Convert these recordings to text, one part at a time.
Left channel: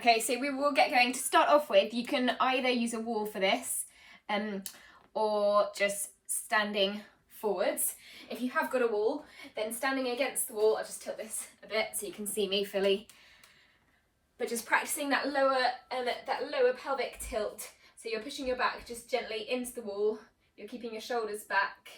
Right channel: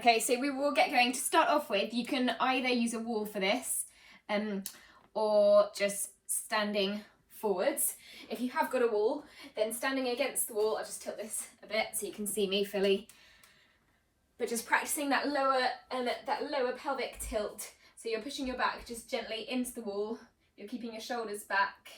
Okay, so we will get going. To start off with, you can either use a wall for this, or just standing forwards. If you have got a wall, then standing against the wall, I'll just tilt this a bit so you can see me fully. But just practicing that lower pelvic tilt. So you're pushing your back just gently into the wall, you're keeping your shoulders back,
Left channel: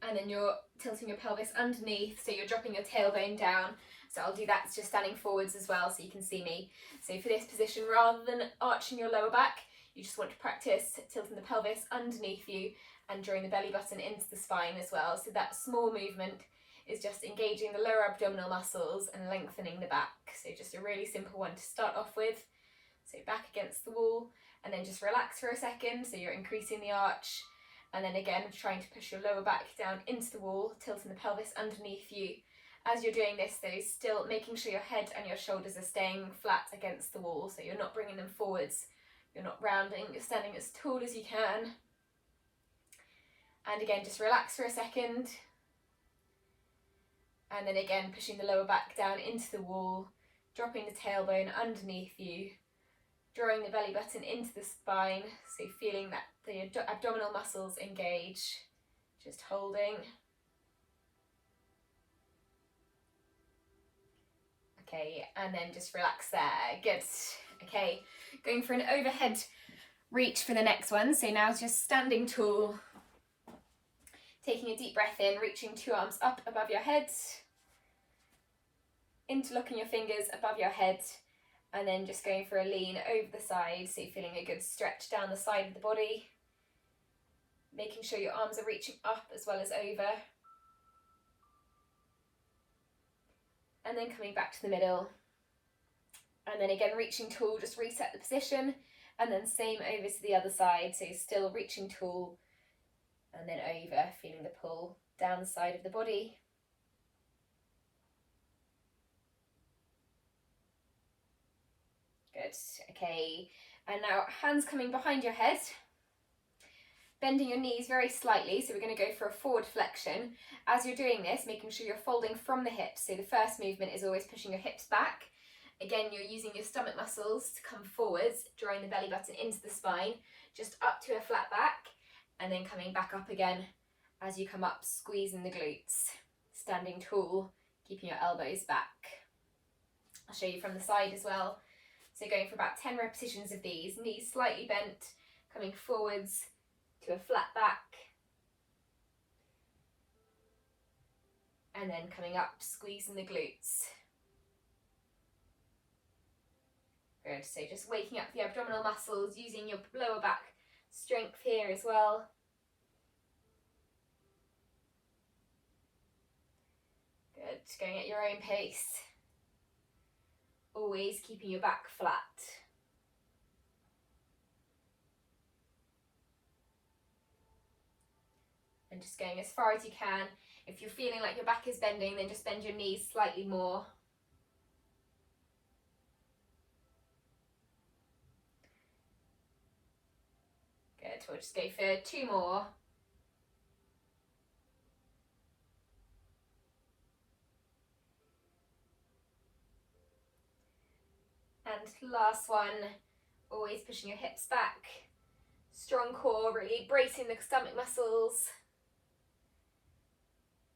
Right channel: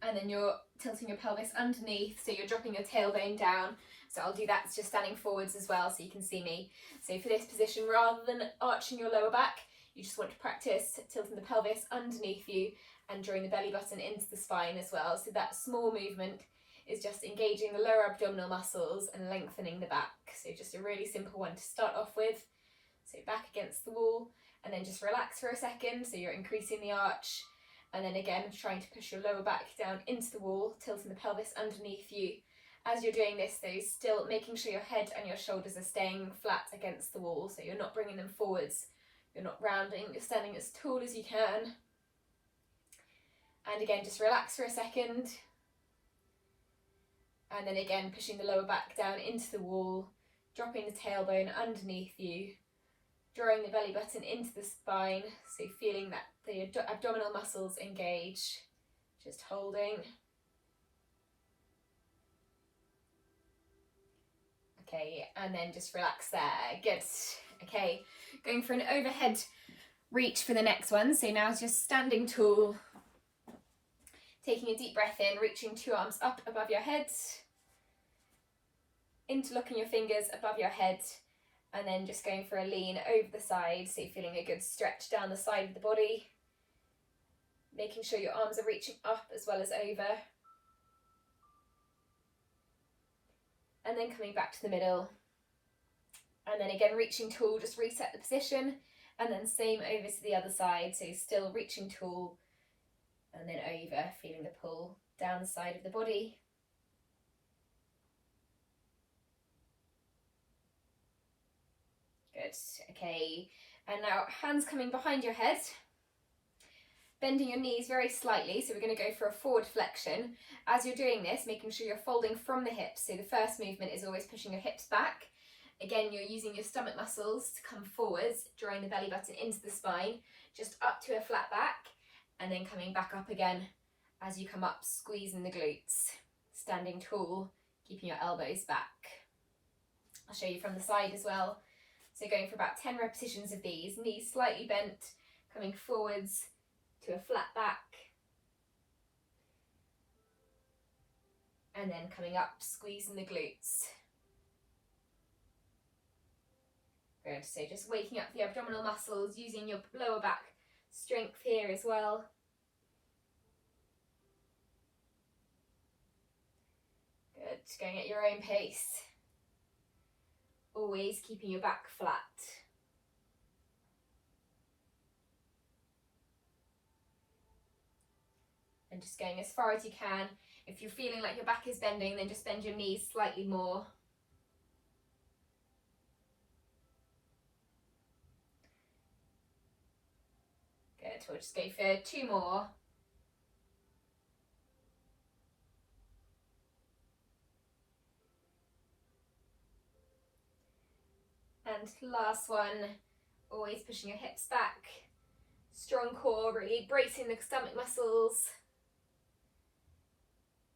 and then you're tilting your pelvis underneath, so you're dropping your tailbone down. So I'll do that just standing forwards as well so you can see me. So for this position, rather than arching your lower back, you just want to practice tilting the pelvis underneath you and drawing the belly button into the spine as well. So that small movement is just engaging the lower abdominal muscles and lengthening the back. So just a really simple one to start off with. So back against the wall, and then just relax for a second, so you're increasing the arch, and then again trying to push your lower back down into the wall, tilting the pelvis underneath you. As you're doing this though, still making sure your head and your shoulders are staying flat against the wall, so you're not bringing them forwards, you're not rounding, you're standing as tall as you can. And again, just relax for a second, and then again pushing the lower back down into the wall, dropping the tailbone underneath you, drawing the belly button into the spine, so feeling that the abdominal muscles engage, just holding. Okay, and then just relax there, good. Okay, going for an overhead reach for the next one. So now just standing tall, taking a deep breath in, reaching 2 arms up above your head, interlocking your fingers above your head, and then just going for a lean over the side, so you're feeling a good stretch down the side of the body, making sure your arms are reaching up as well as over. And then coming back to the middle, and then again reaching tall, just reset the position, and then same over to the other side, so you're still reaching tall, and then over, feeling the pull down the side of the body. Good, okay, and now hands coming behind your head, bending your knees very slightly, so we're going to go for a forward flexion. As you're doing this, making sure you're folding from the hips, so the first movement is always pushing your hips back. Again, you're using your stomach muscles to come forwards, drawing the belly button into the spine, just up to a flat back, and then coming back up again as you come up, squeezing the glutes, standing tall, keeping your elbows back. I'll show you from the side as well. So going for about 10 repetitions of these, knees slightly bent, coming forwards to a flat back, and then coming up, squeezing the glutes. Good, so just waking up the abdominal muscles, using your lower back strength here as well. Good, going at your own pace. Always keeping your back flat. And just going as far as you can. If you're feeling like your back is bending, then just bend your knees slightly more. Good, we'll just go for 2 more. And last one, always pushing your hips back. Strong core, really bracing the stomach muscles.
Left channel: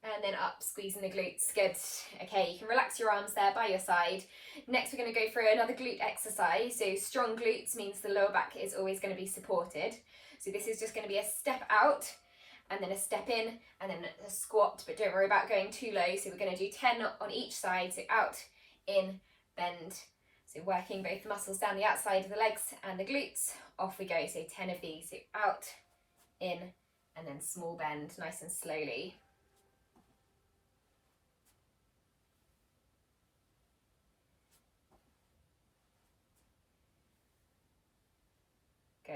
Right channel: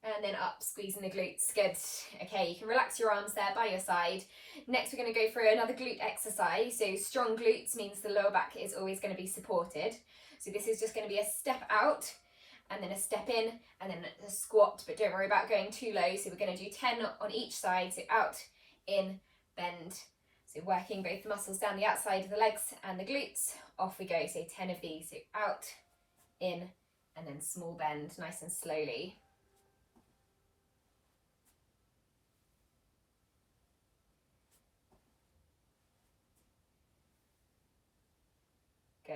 And then up, squeezing the glutes. Good. Okay, you can relax your arms there by your side. Next, we're going to go for another glute exercise. So strong glutes means the lower back is always going to be supported. So this is just going to be a step out, and then a step in, and then a squat, but don't worry about going too low. So we're going to do 10 on each side. So out, in, bend. So working both the muscles down the outside of the legs and the glutes. Off we go. So 10 of these. So out, in, and then small bend, nice and slowly. Good.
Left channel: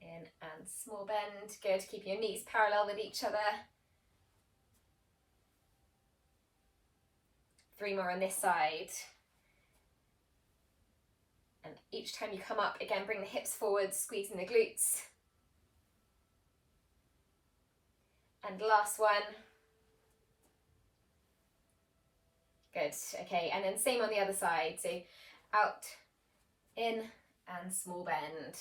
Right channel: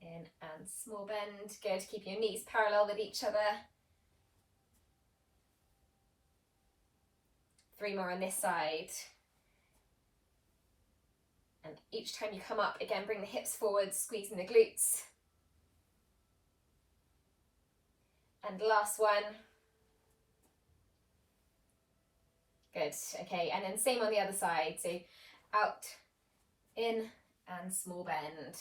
In and small bend. Good. Keep your knees parallel with each other. 3 more on this side. And And each time you come up, again, bring the hips forward, squeezing the glutes. And last one. Good, okay, and then same on the other side. So out, in, and small bend.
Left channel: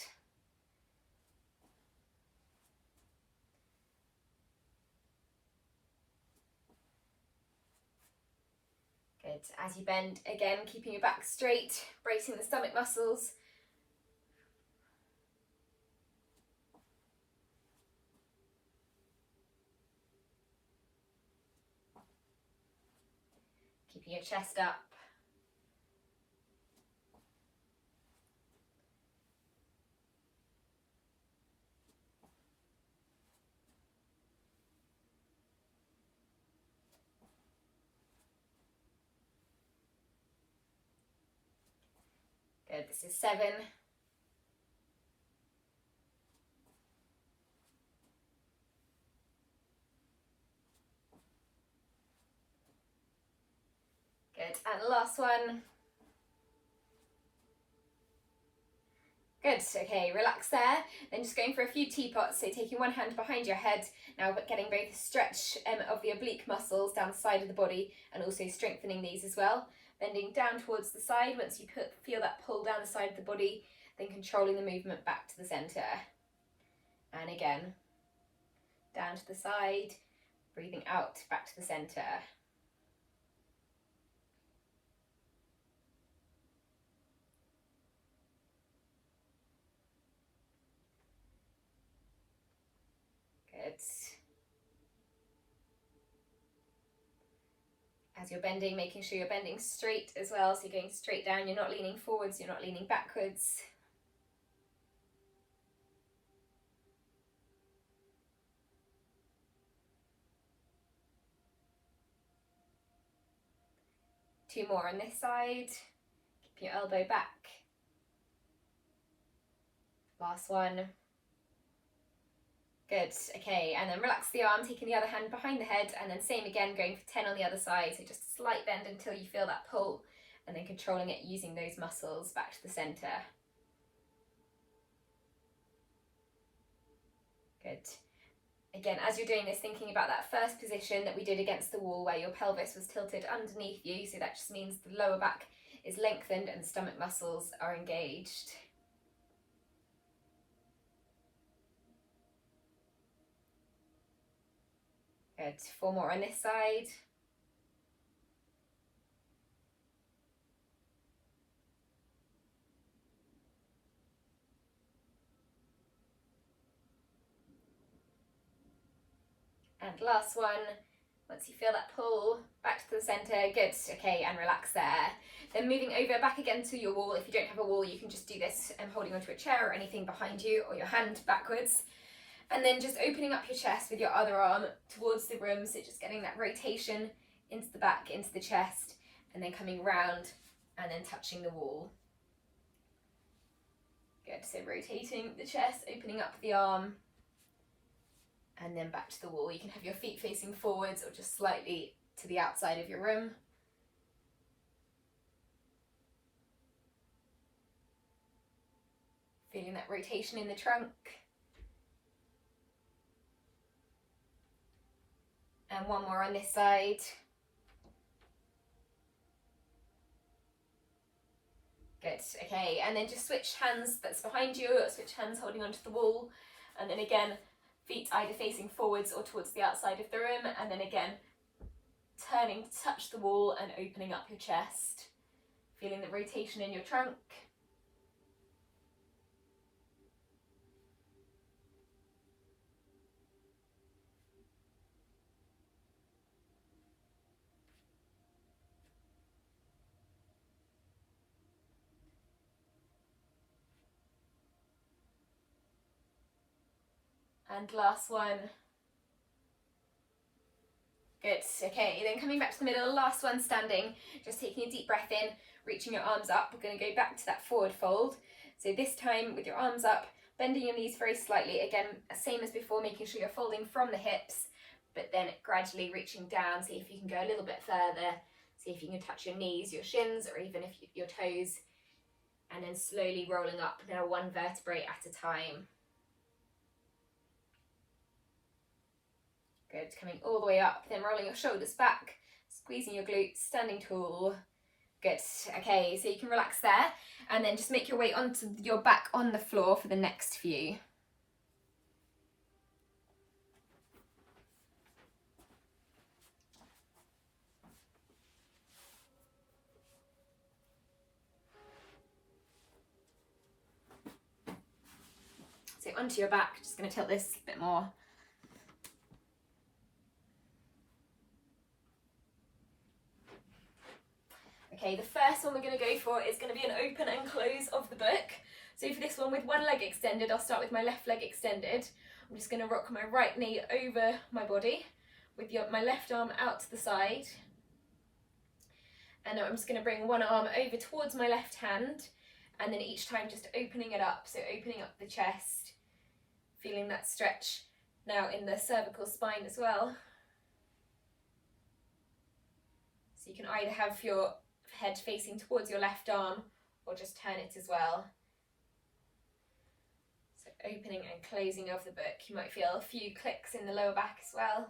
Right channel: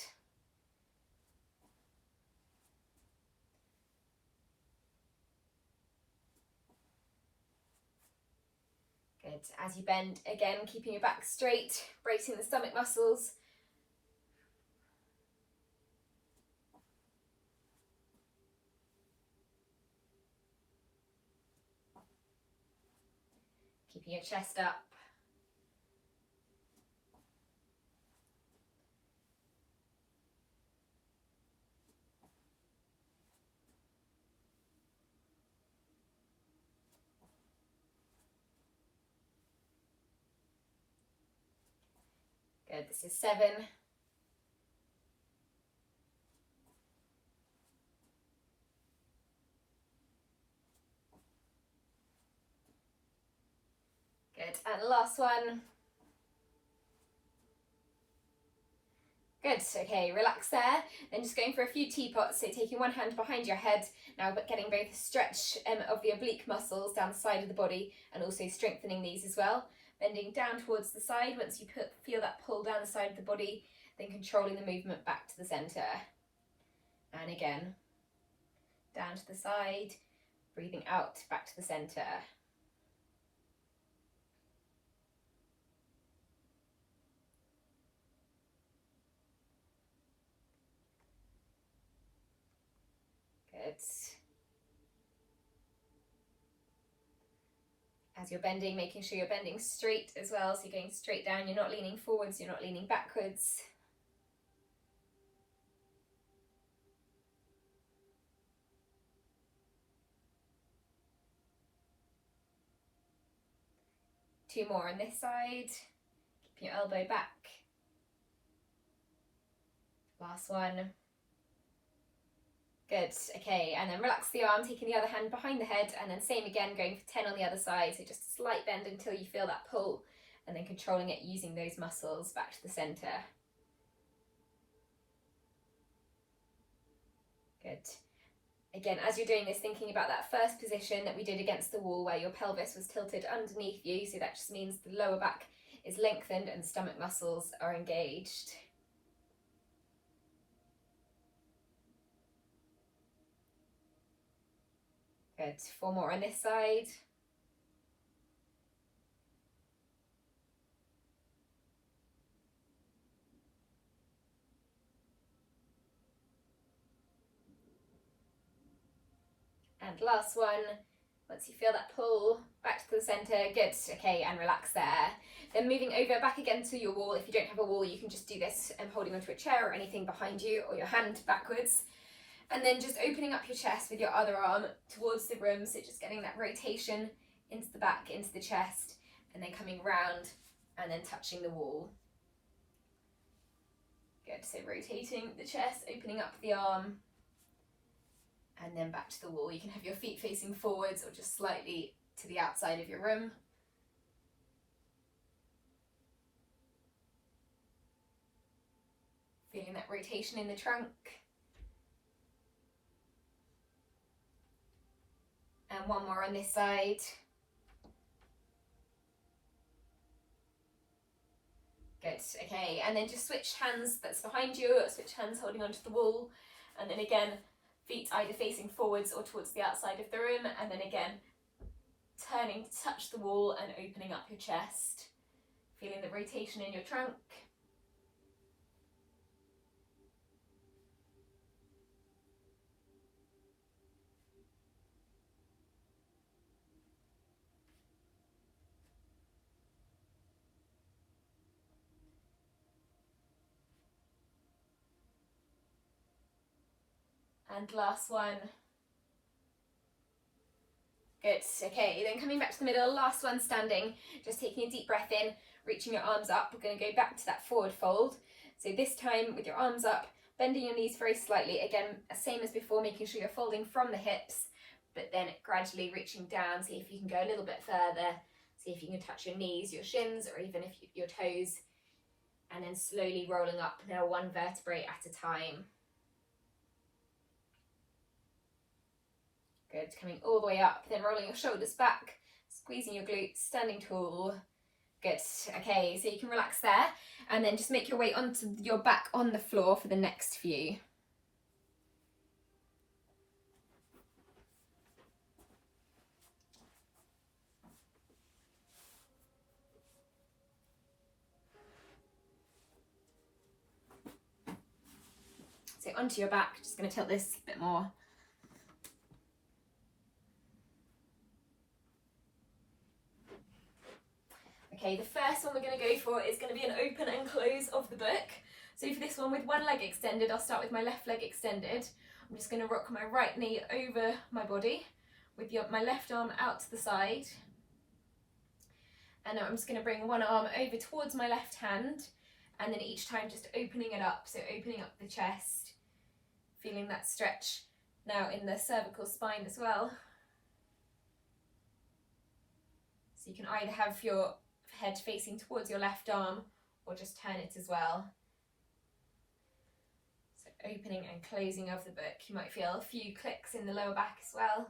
Good, as you bend, again, keeping your back straight, bracing the stomach muscles. Keeping your chest up. Good, this is 7. Good, and last one. Good, okay, relax there. Then just going for a few teapots, so taking one hand behind your head, now but getting both stretch of the oblique muscles down the side of the body and also strengthening these as well. Bending down towards the side, once you feel that pull down the side of the body, then controlling the movement back to the centre. And again, down to the side, breathing out, back to the centre. Good. As you're bending, making sure you're bending straight as well, so you're going straight down, you're not leaning forwards, you're not leaning backwards. Two more on this side, keep your elbow back. Last one. Good, okay, and then relax the arm, taking the other hand behind the head, and then same again, going for 10 on the other side, so just a slight bend until you feel that pull, and then controlling it using those muscles back to the centre. Good. Again, as you're doing this, thinking about that first position that we did against the wall where your pelvis was tilted underneath you, so that just means the lower back is lengthened and the stomach muscles are engaged. Good, 4 more on this side. And last one, once you feel that pull, back to the centre, good, okay, and relax there. Then moving over back again to your wall. If you don't have a wall, you can just do this holding onto a chair or anything behind you, or your hand backwards. And then just opening up your chest with your other arm towards the room, so just getting that rotation into the back, into the chest, and then coming round and then touching the wall. Good, so rotating the chest, opening up the arm, and then back to the wall. You can have your feet facing forwards or just slightly to the outside of your room. Feeling that rotation in the trunk. And one more on this side. Good, okay, and then just switch hands that's behind you, or switch hands holding onto the wall, and then again, feet either facing forwards or towards the outside of the room, and then again, turning to touch the wall and opening up your chest, feeling the rotation in your trunk. And last one. Good, okay, then coming back to the middle, last one standing, just taking a deep breath in, reaching your arms up. We're going to go back to that forward fold. So this time with your arms up, bending your knees very slightly, again, same as before, making sure you're folding from the hips, but then gradually reaching down. See if you can go a little bit further, see if you can touch your knees, your shins, or even if your toes, and then slowly rolling up, now one vertebrae at a time. Good, coming all the way up, then rolling your shoulders back, squeezing your glutes, standing tall. Good, okay, so you can relax there, and then just make your way onto your back on the floor for the next few. So onto your back, just going to tilt this a bit more. Okay, the first one we're going to go for is going to be an open and close of the book. So for this one, with one leg extended, I'll start with my left leg extended. I'm just going to rock my right knee over my body with my left arm out to the side. And now I'm just going to bring one arm over towards my left hand, and then each time just opening it up, so opening up the chest, feeling that stretch now in the cervical spine as well. So you can either have your head facing towards your left arm or just turn it as well. So opening and closing of the book. You might feel a few clicks in the lower back as well.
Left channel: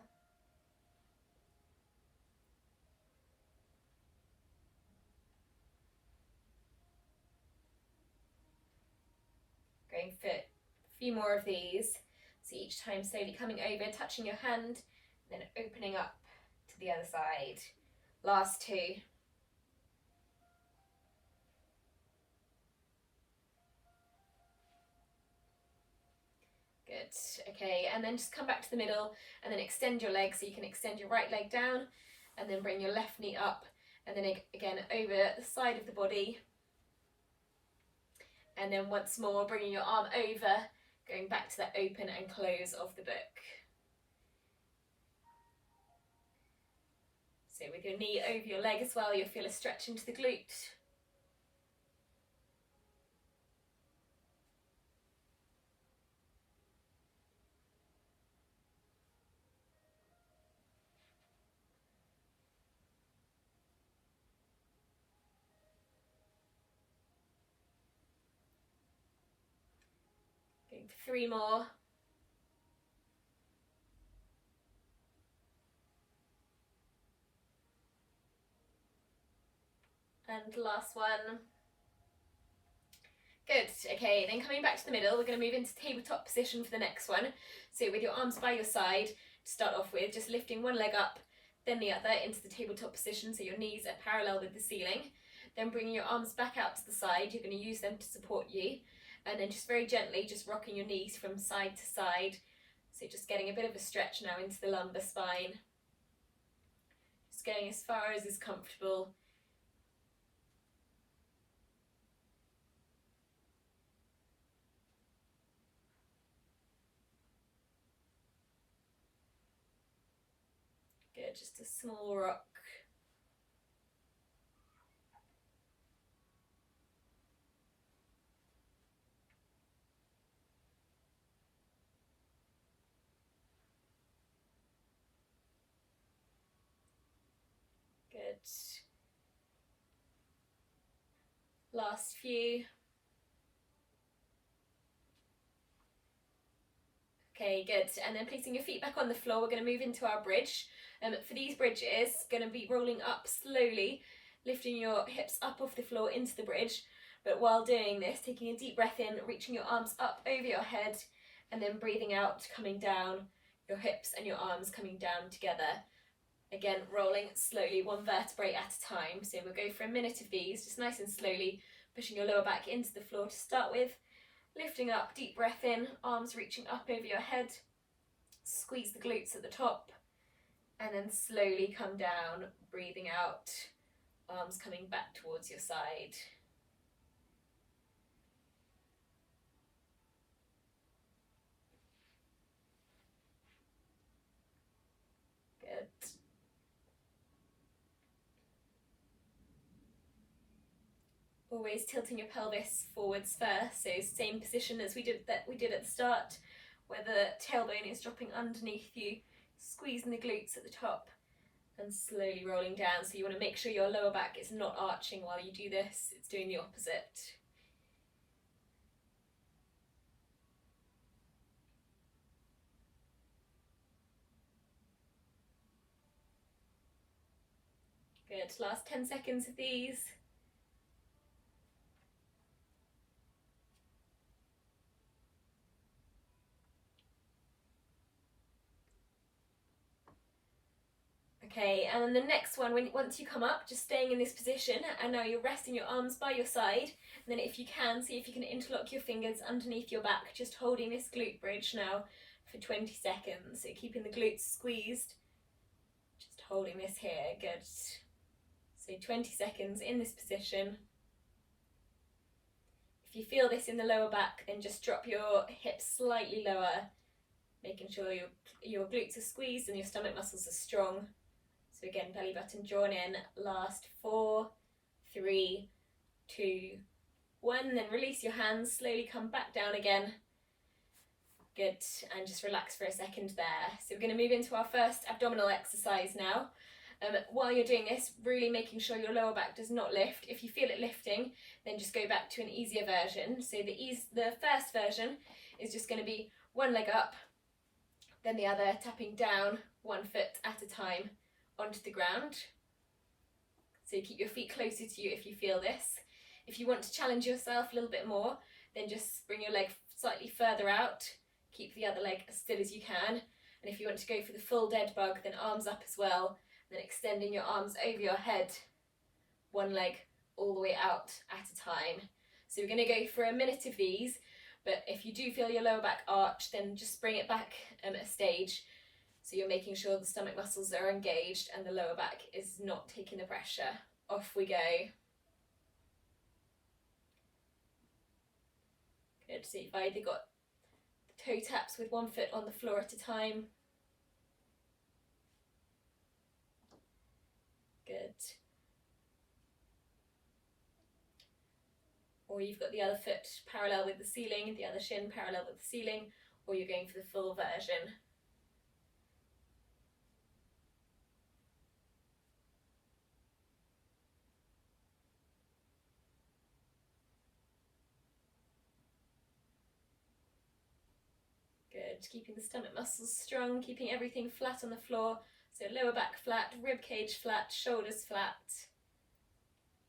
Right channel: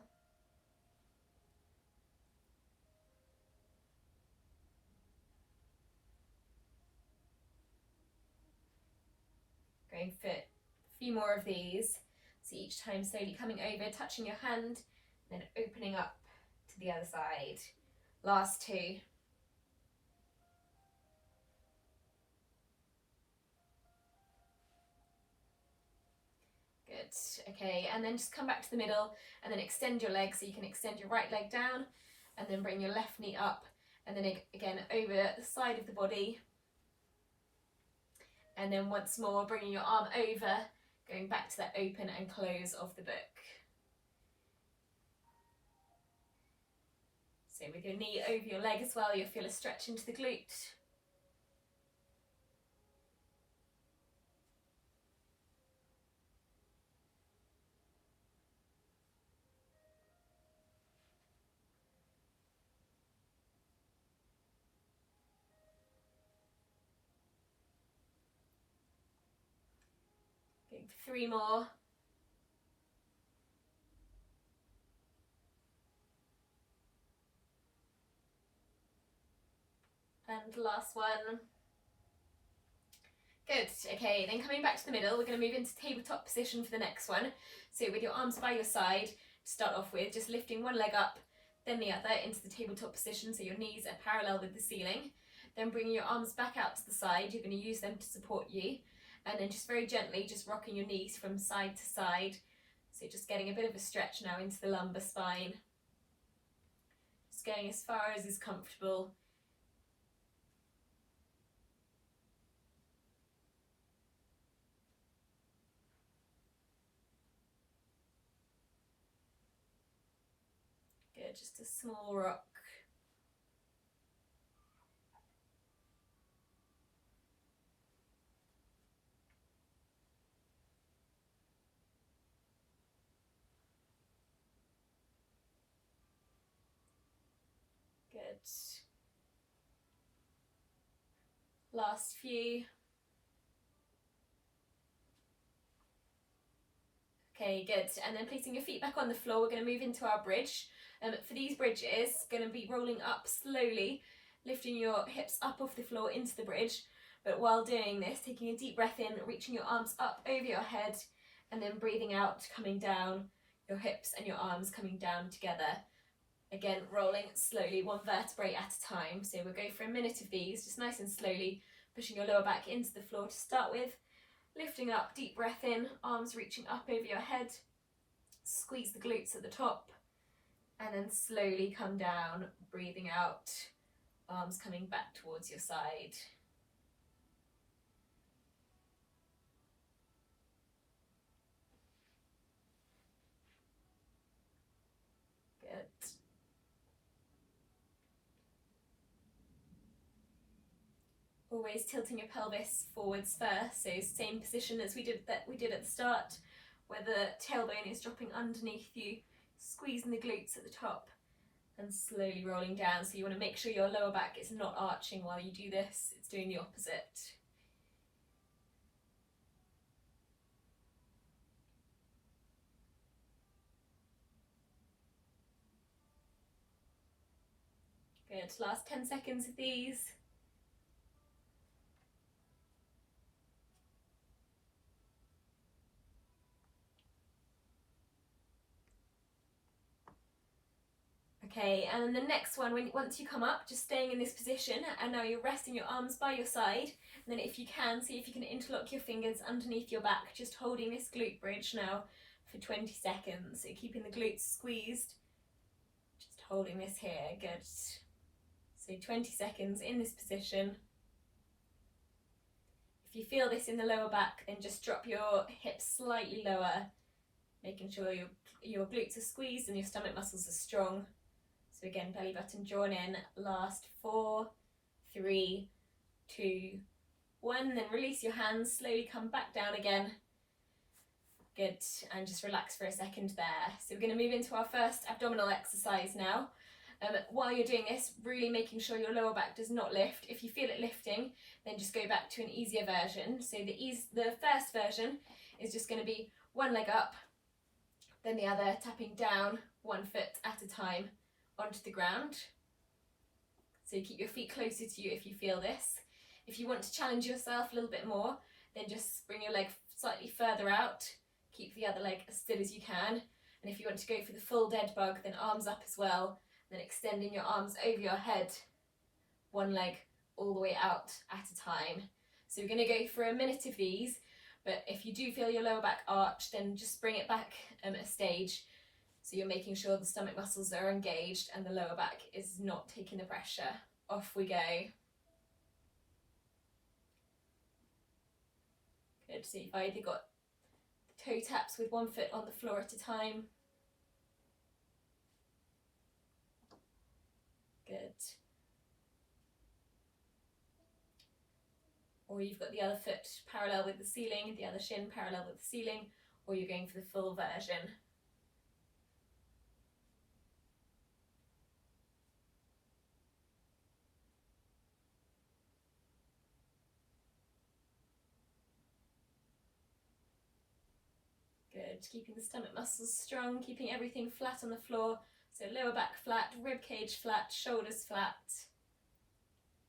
Going for a few more of these. So each time slowly coming over, touching your hand, then opening up to the other side. Last two. Good, okay, and then just come back to the middle and then extend your leg, so you can extend your right leg down and then bring your left knee up, and then again over the side of the body. And then once more, bringing your arm over, going back to that open and close of the book. So with your knee over your leg as well, you'll feel a stretch into the glute. Going for three more. And last one. Good, okay, then coming back to the middle, we're going to move into tabletop position for the next one. So with your arms by your side, to start off with, just lifting one leg up, then the other into the tabletop position, so your knees are parallel with the ceiling. Then bringing your arms back out to the side, you're going to use them to support you. And then just very gently, just rocking your knees from side to side. So just getting a bit of a stretch now into the lumbar spine. Just going as far as is comfortable. Good, just a small rock. Good. Last few. Okay, good. And then placing your feet back on the floor, we're going to move into our bridge. For these bridges, going to be rolling up slowly, lifting your hips up off the floor into the bridge. But while doing this, taking a deep breath in, reaching your arms up over your head, and then breathing out, coming down, your hips and your arms coming down together. Again, rolling slowly, one vertebrae at a time. So we'll go for a minute of these, just nice and slowly, pushing your lower back into the floor to start with. Lifting up, deep breath in, arms reaching up over your head. Squeeze the glutes at the top. And then slowly come down, breathing out, arms coming back towards your side. Good. Always tilting your pelvis forwards first, so same position as we did at the start, where the tailbone is dropping underneath you, squeezing the glutes at the top and slowly rolling down. So you want to make sure your lower back is not arching while you do this, it's doing the opposite. Good, last 10 seconds of these. Okay, and then the next one, once you come up, just staying in this position, and now you're resting your arms by your side, and then if you can, see if you can interlock your fingers underneath your back, just holding this glute bridge now for 20 seconds. So keeping the glutes squeezed, just holding this here, good. So 20 seconds in this position. If you feel this in the lower back, then just drop your hips slightly lower, making sure your glutes are squeezed and your stomach muscles are strong. So again, belly button drawn in, last 4, 3, 2, 1, then release your hands, slowly come back down again. Good, and just relax for a second there. So we're going to move into our first abdominal exercise now. While you're doing this, really making sure your lower back does not lift. If you feel it lifting, then just go back to an easier version. So the first version is just going to be one leg up, then the other, tapping down 1 foot at a time onto the ground. So keep your feet closer to you if you feel this. If you want to challenge yourself a little bit more, then just bring your leg slightly further out, keep the other leg as still as you can, and if you want to go for the full dead bug, then arms up as well, then extending your arms over your head, one leg all the way out at a time. So we're going to go for a minute of these, but if you do feel your lower back arch, then just bring it back a stage. So you're making sure the stomach muscles are engaged and the lower back is not taking the pressure. Off we go. Good, so you've either got the toe taps with 1 foot on the floor at a time. Good. Or you've got the other foot parallel with the ceiling, the other shin parallel with the ceiling, or you're going for the full version. Good, keeping the stomach muscles strong, keeping everything flat on the floor. So lower back flat, rib cage flat, shoulders flat.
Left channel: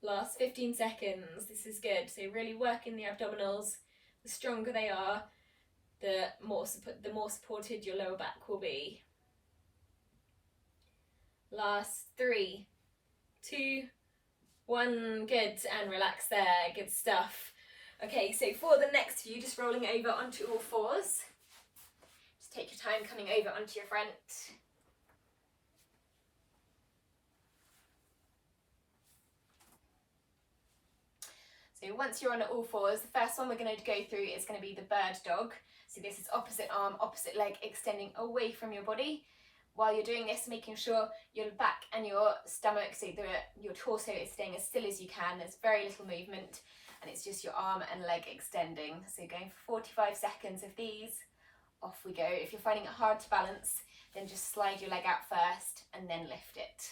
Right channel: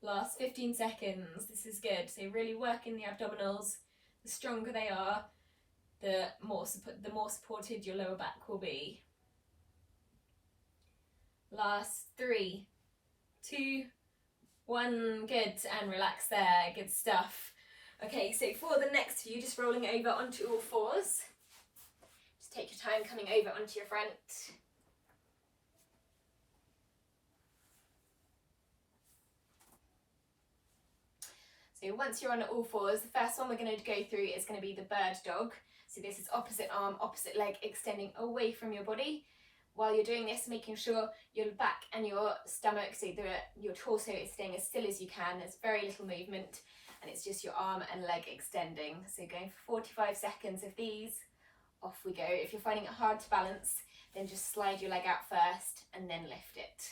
Last 15 seconds, this is good. So really working the abdominals. The stronger they are, the more supported your lower back will be. Last 3, 2, 1, good, and relax there, good stuff. Okay, so for the next few, just rolling over onto all fours. Just take your time coming over onto your front. So once you're on all fours, the first one we're going to go through is going to be the bird dog. So this is opposite arm, opposite leg, extending away from your body. While you're doing this, making sure your back and your stomach, so your torso is staying as still as you can. There's very little movement, and it's just your arm and leg extending. So going for 45 seconds of these. Off we go. If you're finding it hard to balance, then just slide your leg out first and then lift it.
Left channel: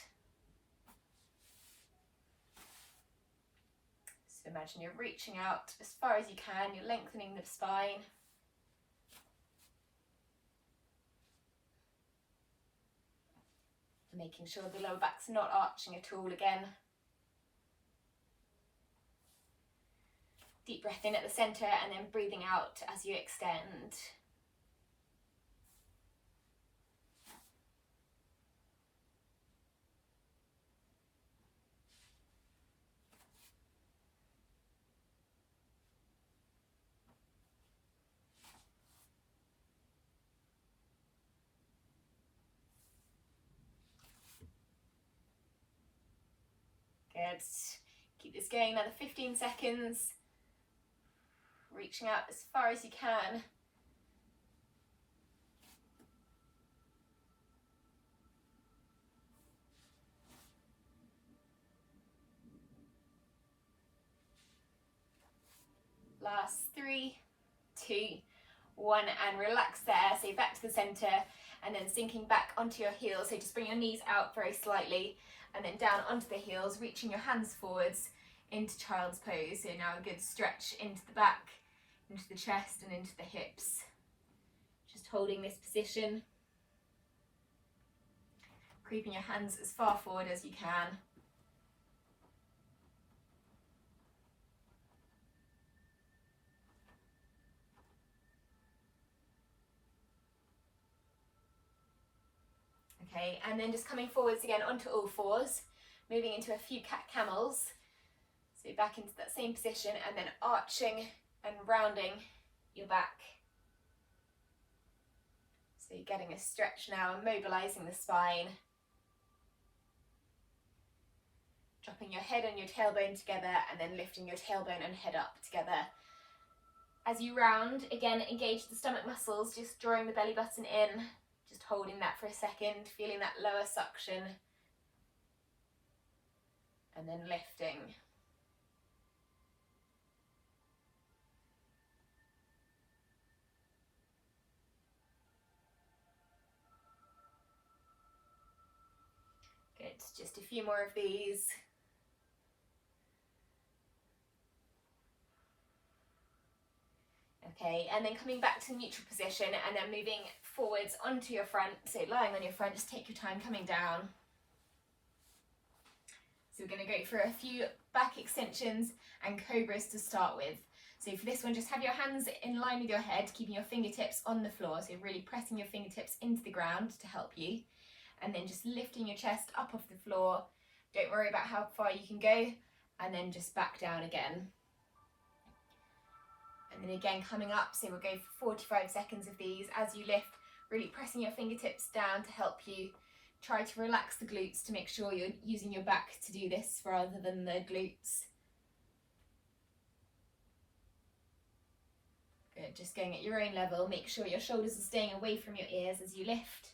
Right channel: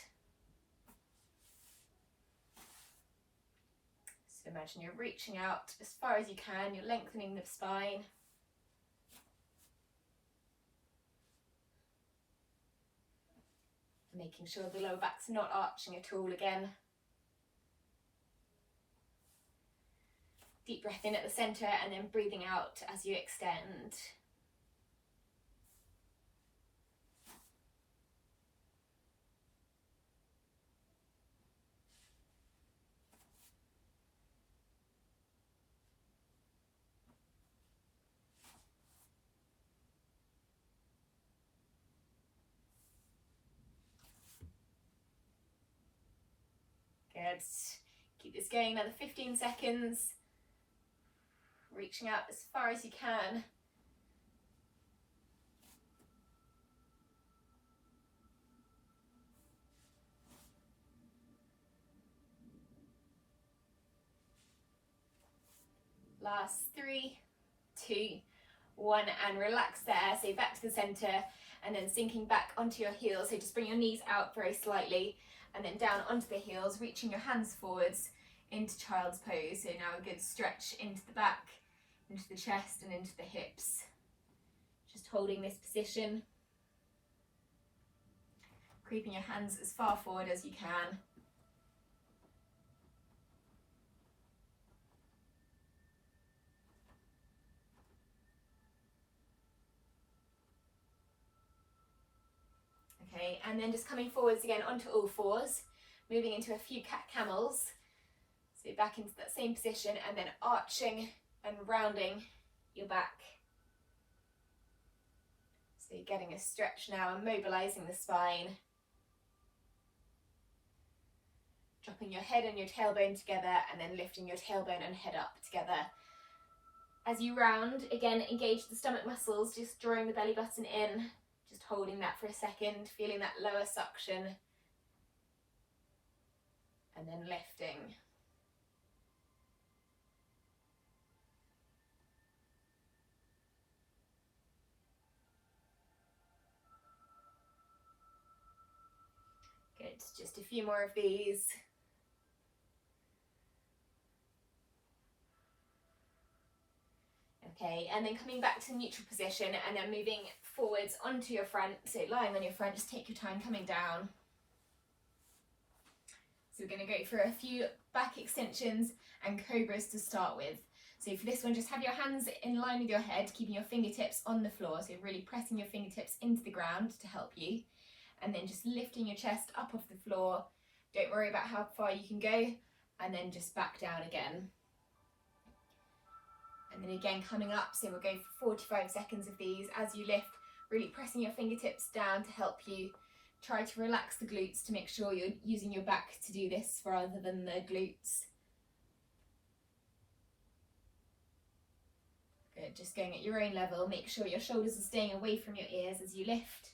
So imagine you're reaching out as far as you can, you're lengthening the spine. Making sure the lower back's not arching at all again. Deep breath in at the centre and then breathing out as you extend. Good. Keep this going another 15 seconds. Reaching out as far as you can. Last 3, 2, 1, and relax there. So back to the centre and then sinking back onto your heels. So just bring your knees out very slightly and then down onto the heels, reaching your hands forwards into child's pose. So now a good stretch into the back, into the chest and into the hips. Just holding this position. Creeping your hands as far forward as you can. Okay, and then just coming forwards again onto all fours, moving into a few cat camels. So back into that same position and then arching and rounding your back. So you're getting a stretch now and mobilising the spine. Dropping your head and your tailbone together and then lifting your tailbone and head up together. As you round, again, engage the stomach muscles, just drawing the belly button in, just holding that for a second, feeling that lower suction, and then lifting. Good, just a few more of these. Okay, and then coming back to neutral position and then moving forwards onto your front. So lying on your front, just take your time coming down. So we're going to go for a few back extensions and cobras to start with. So for this one, just have your hands in line with your head, keeping your fingertips on the floor. So really pressing your fingertips into the ground to help you. And then just lifting your chest up off the floor. Don't worry about how far you can go. And then just back down again. And then again coming up, so we'll go for 45 seconds of these as you lift, really pressing your fingertips down to help you. Try to relax the glutes to make sure you're using your back to do this rather than the glutes. Good, just going at your own level, make sure your shoulders are staying away from your ears as you lift.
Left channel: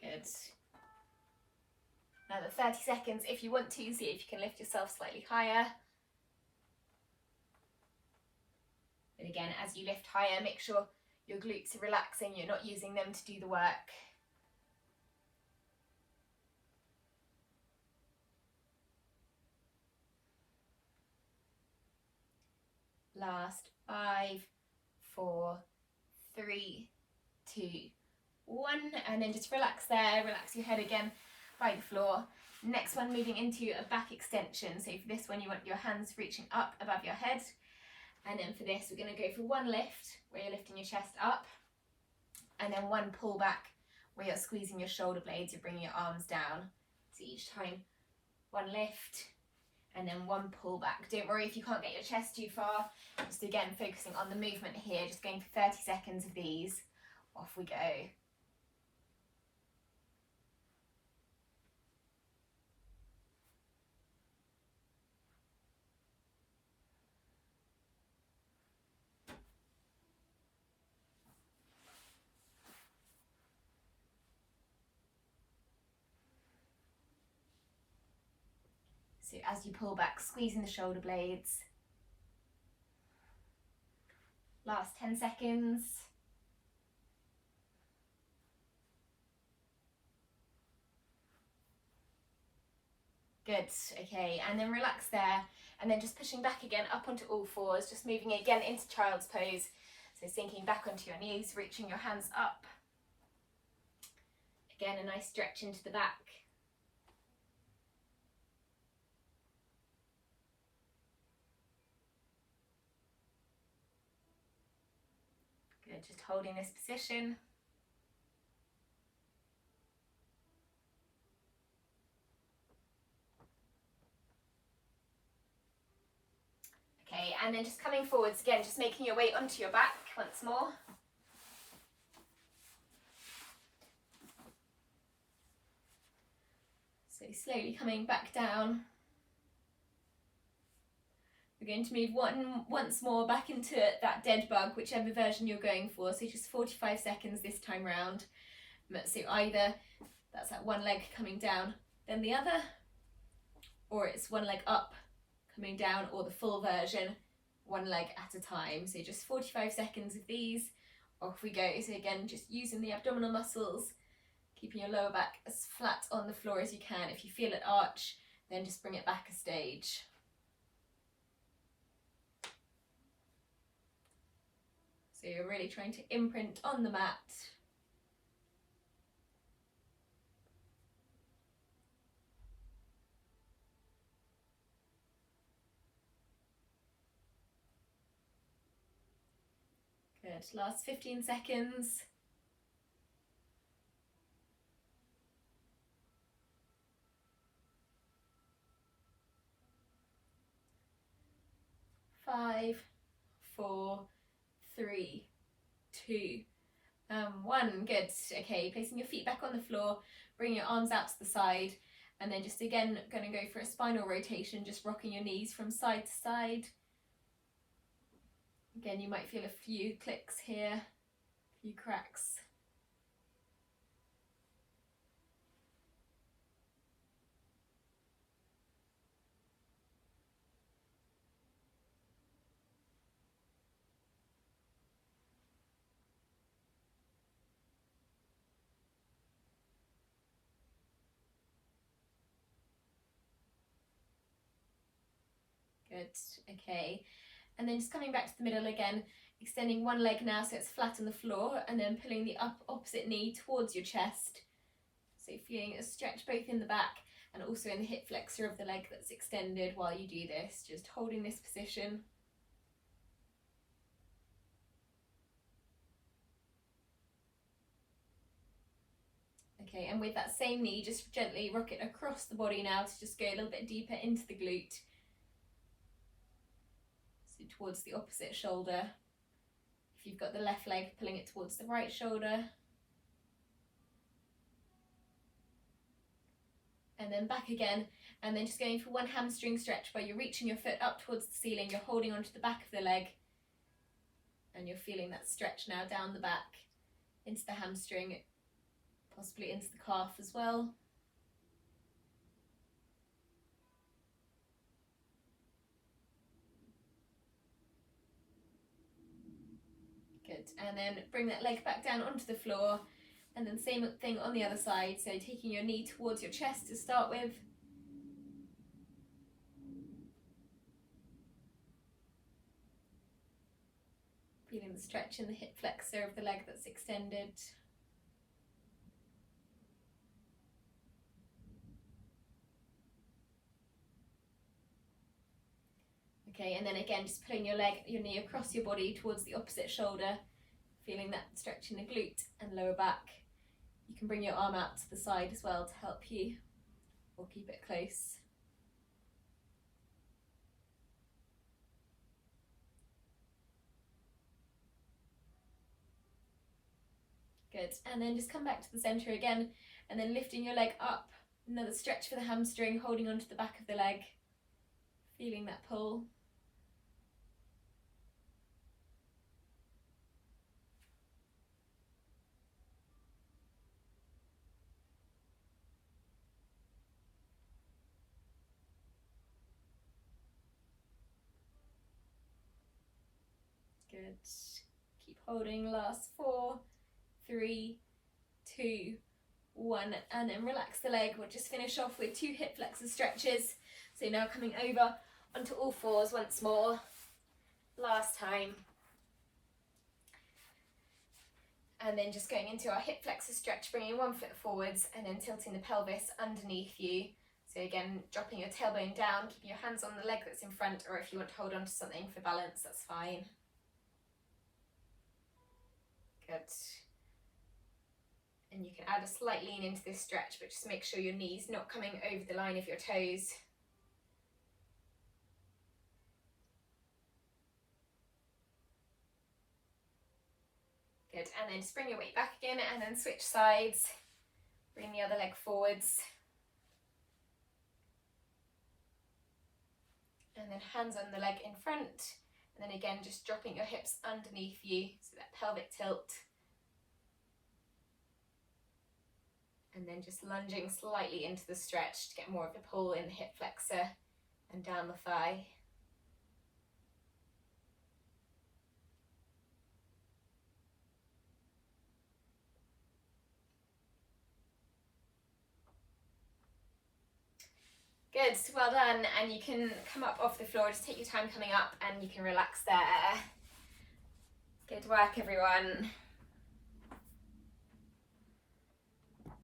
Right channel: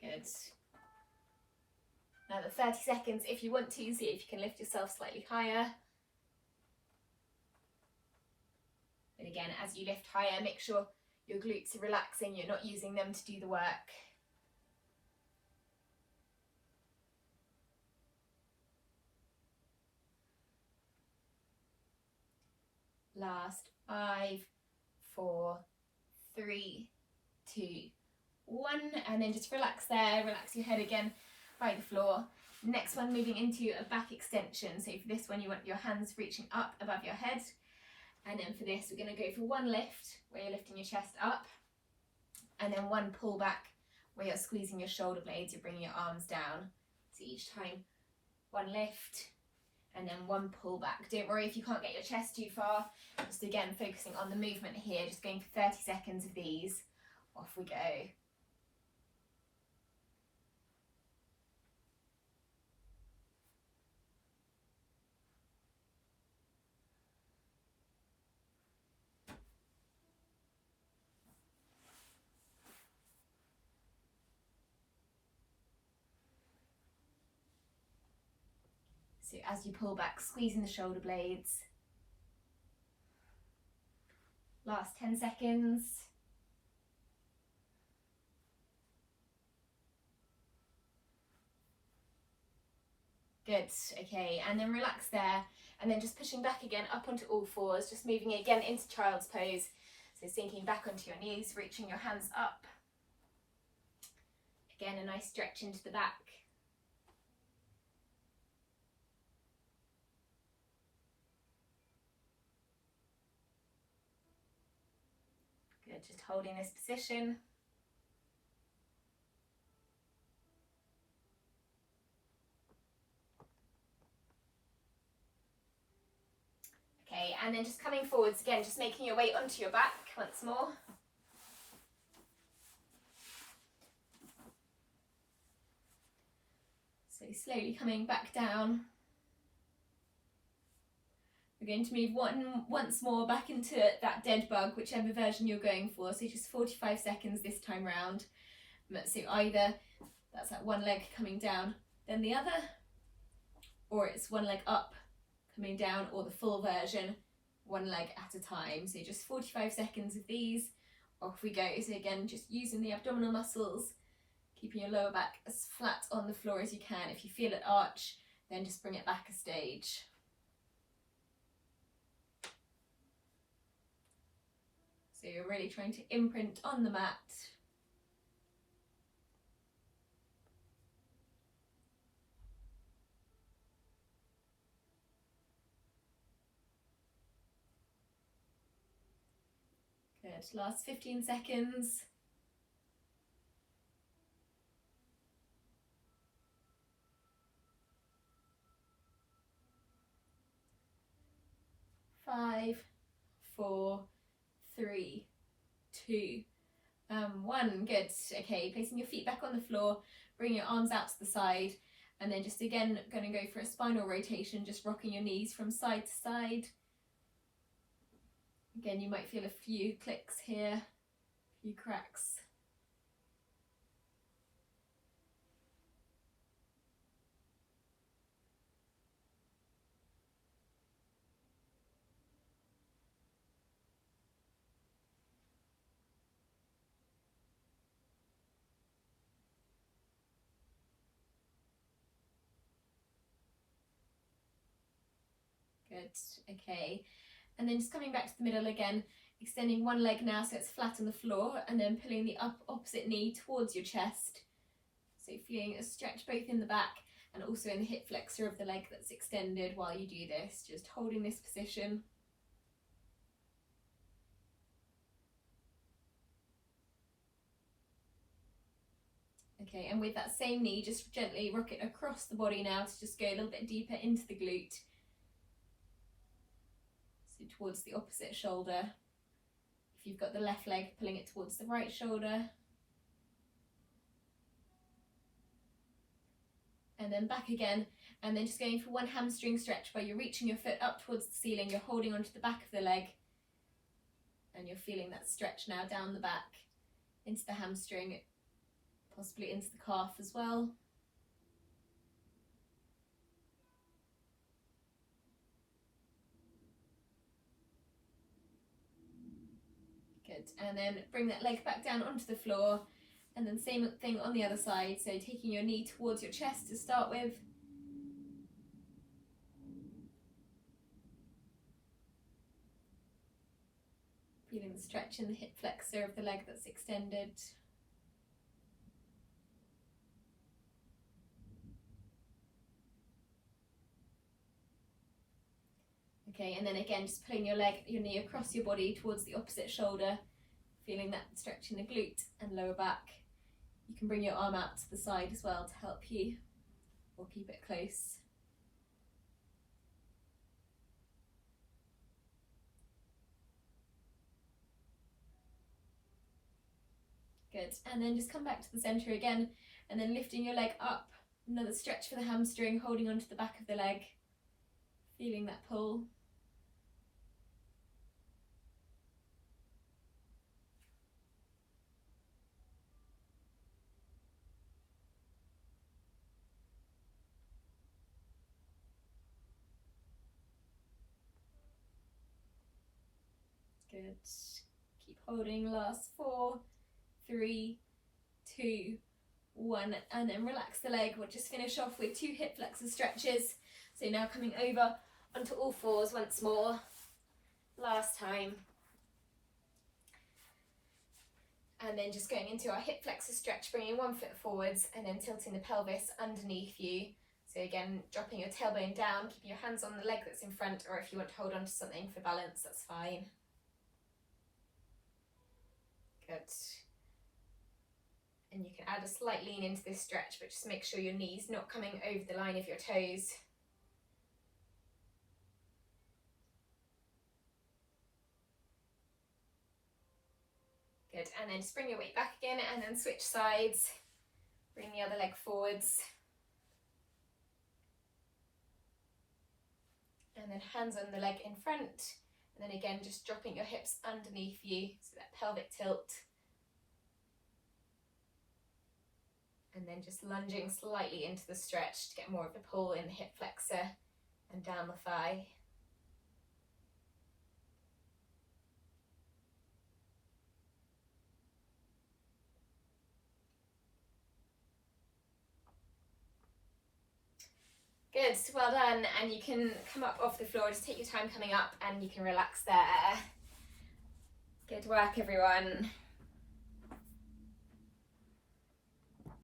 Good. Another 30 seconds if you want to, see if you can lift yourself slightly higher. And again, as you lift higher, make sure your glutes are relaxing, you're not using them to do the work. Last 5, 4, 3, 2, 1, and then just relax there, relax your head again by the floor. Next one, moving into a back extension. So for this one, you want your hands reaching up above your head. And then for this, we're going to go for one lift where you're lifting your chest up, and then one pull back where you're squeezing your shoulder blades, you're bringing your arms down. So each time, one lift and then one pull back. Don't worry if you can't get your chest too far. Just again, focusing on the movement here, just going for 30 seconds of these. Off we go. So as you pull back, squeezing the shoulder blades. Last 10 seconds. Good, okay, and then relax there, and then just pushing back again up onto all fours, just moving again into child's pose. So sinking back onto your knees, reaching your hands up. Again, a nice stretch into the back. Good, just holding this position. Okay, and then just coming forwards again, just making your way onto your back once more. So slowly coming back down. We're going to move once more back into that dead bug, whichever version you're going for. So just 45 seconds this time round. So either that's that one leg coming down, then the other, or it's one leg up, coming down, or the full version, one leg at a time. So just 45 seconds of these, off we go. So again, just using the abdominal muscles, keeping your lower back as flat on the floor as you can. If you feel it arch, then just bring it back a stage. So you're really trying to imprint on the mat. Good, last 15 seconds. 5, 4, 3, 2, 1. Good. Okay, placing your feet back on the floor, bring your arms out to the side, and then just again going to go for a spinal rotation, just rocking your knees from side to side. Again, you might feel a few clicks here, a few cracks. Good, okay. And then just coming back to the middle again, extending one leg now so it's flat on the floor, and then pulling the opposite knee towards your chest. So feeling a stretch both in the back and also in the hip flexor of the leg that's extended while you do this, just holding this position. Okay, and with that same knee, just gently rock it across the body now to just go a little bit deeper into the glute. So towards the opposite shoulder. If you've got the left leg, pulling it towards the right shoulder. And then back again, and then just going for one hamstring stretch where you're reaching your foot up towards the ceiling, you're holding onto the back of the leg, and you're feeling that stretch now down the back, into the hamstring, possibly into the calf as well. Good, and then bring that leg back down onto the floor, and then same thing on the other side, so taking your knee towards your chest to start with. Feeling the stretch in the hip flexor of the leg that's extended. Okay, and then again, just pulling your knee across your body towards the opposite shoulder, feeling that stretch in the glute and lower back. You can bring your arm out to the side as well to help you, or keep it close. Good, and then just come back to the center again, and then lifting your leg up, another stretch for the hamstring, holding onto the back of the leg, feeling that pull. Good, keep holding, last 4, 3, 2, 1, and then relax the leg. We'll just finish off with 2 hip flexor stretches. So now coming over onto all fours once more, last time. And then just going into our hip flexor stretch, bringing one foot forwards and then tilting the pelvis underneath you. So again, dropping your tailbone down, keeping your hands on the leg that's in front, or if you want to hold on to something for balance, that's fine. Good. And you can add a slight lean into this stretch, but just make sure your knee's not coming over the line of your toes. Good, and then just bring your weight back again and then switch sides. Bring the other leg forwards. And then hands on the leg in front. And then again, just dropping your hips underneath you, so that pelvic tilt. And then just lunging slightly into the stretch to get more of the pull in the hip flexor and down the thigh. Good, well done, and you can come up off the floor, just take your time coming up and you can relax there. Good work, everyone.